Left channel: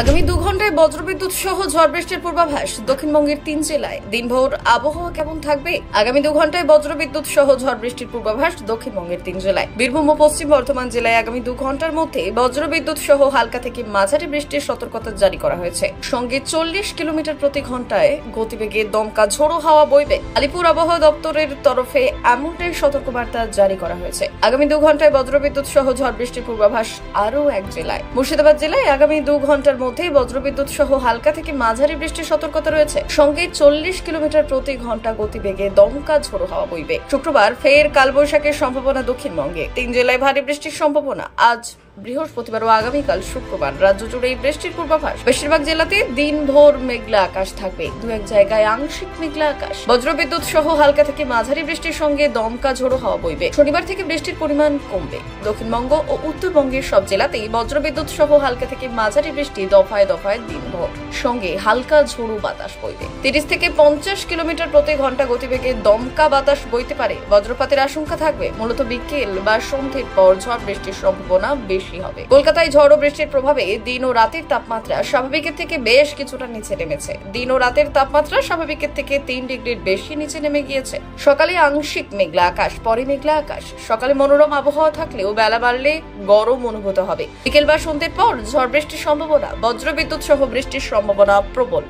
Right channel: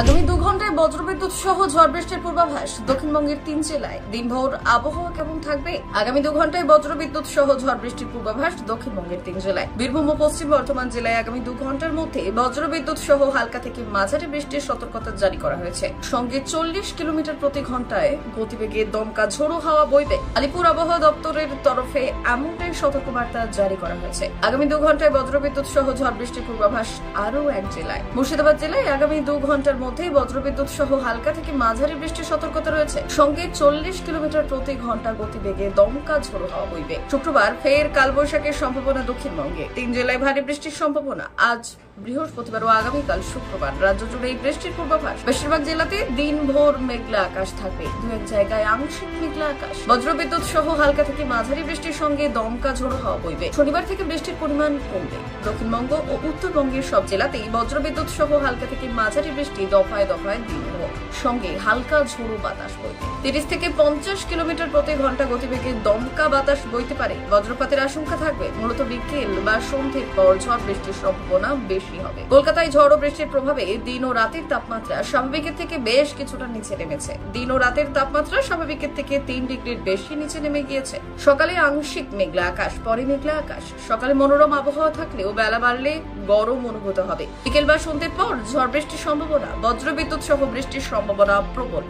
আগামী 2 ঘন্টায় বজ্রবিদ্যুৎ সহ ঝড় বৃষ্টির পূর্বাভাস দক্ষিণবঙ্গের 3 জেলায়। দিনভর আবহাওয়া কেমন থাকবে? আগামী 2 ঘন্টায় বজ্রবিদ্যুৎ সহ ঝড় বৃষ্টির পূর্বাভাস দক্ষিণবঙ্গের 3 জেলায়। বীরভূম ও পশ্চিম বর্ধমান জেলায় আগামী 2 ঘন্টার মধ্যে বজ্রবিদ্যুৎ সহ হালকা থেকে মাঝারি বৃষ্টির সতর্কতা জারি করা হয়েছে। সঙ্গে 40 কিলোমিটার প্রতি ঘন্টায় গতিবেগে দমকা ঝোড়ো হাওয়া বইবে। আলিপুর আবহাওয়া দপ্তরের তরফে এমনটাই সতর্কবার্তা জারি করা হয়েছে। আগামী 2 ঘন্টায় বজ্রবিদ্যুৎ সহ ঝড় বৃষ্টির পূর্বাভাস আরও এক জেলায়। মুর্শিদাবাদ জেলায় আগামী 2 ঘন্টার মধ্যে বজ্রবিদ্যুৎ সহ হালকা থেকে মাঝারি বৃষ্টির সতর্কতা রয়েছে। সঙ্গে 40 কিলোমিটার প্রতি ঘন্টা গতিবেগে দমকা ঝোড়ো হাওয়া বইবে। শুক্রবার ফের কালবৈশাখীর সম্ভাবনা দক্ষিণবঙ্গে। 3 জেলায় ভারী বৃষ্টির সম্ভাবনা। আজ বৃহস্পতিবার ও আগামীকাল শুক্রবার রাজ্য জুড়ে বৃষ্টির পূর্বাভাস। বেশিরভাগ জেলাতে দিনভর মেঘলা আকাশ থাকবে, 2-1 জায়গায় আংশিক মেঘলা আকাশ। বজ্রবিদ্যুৎ সহ হালকা থেকে মাঝারি বৃষ্টির সঙ্গে দমকা ঝোড়ো হাওয়া বইবে। শনিবার থেকে বৃষ্টির পরিমাণ কমবে। দক্ষিণবঙ্গ ও উত্তরবঙ্গের সব জেলাতেই বজ্রবিদ্যুৎ সহ হালকা থেকে মাঝারি বৃষ্টি দফায় দফায় দিনভর, সঙ্গে হালকা ঝোড়ো বাতাস বইবে। 30 থেকে 50 কিলোমিটার প্রতি ঘন্টা গতিবেগে দমকা বাতাস বইতে পারে। বজ্রপাতের আশঙ্কা থাকবে। মূলত বিকেল বা সন্ধ্যের পর ঝড় বৃষ্টির সম্ভাবনা বেশি হবে। কলকাতায় ঝড় ও বৃষ্টির প্রভাবে দিন ও রাতের তাপমাত্রা স্বাভাবিকের থেকে বেশ কিছুটা নিচে নেমেছে। দিন ও রাতের তাপমাত্রা স্বাভাবিকের থেকে 3 ডিগ্রির বেশি নিচে নেমে গিয়েছে। সকালে আংশিক মেঘলা আকাশ, পরে মেঘলা আকাশ। সকালে মনোরম আবহাওয়া থাকলেও বেলা বাড়লে গরম অনুভূত হবে। বিকেল বা সন্ধ্যের পর ঝড় বৃষ্টির সম্ভাবনা, বজ্রবিদ্যুৎ সহ বৃষ্টির সম্ভাবনা প্রবল।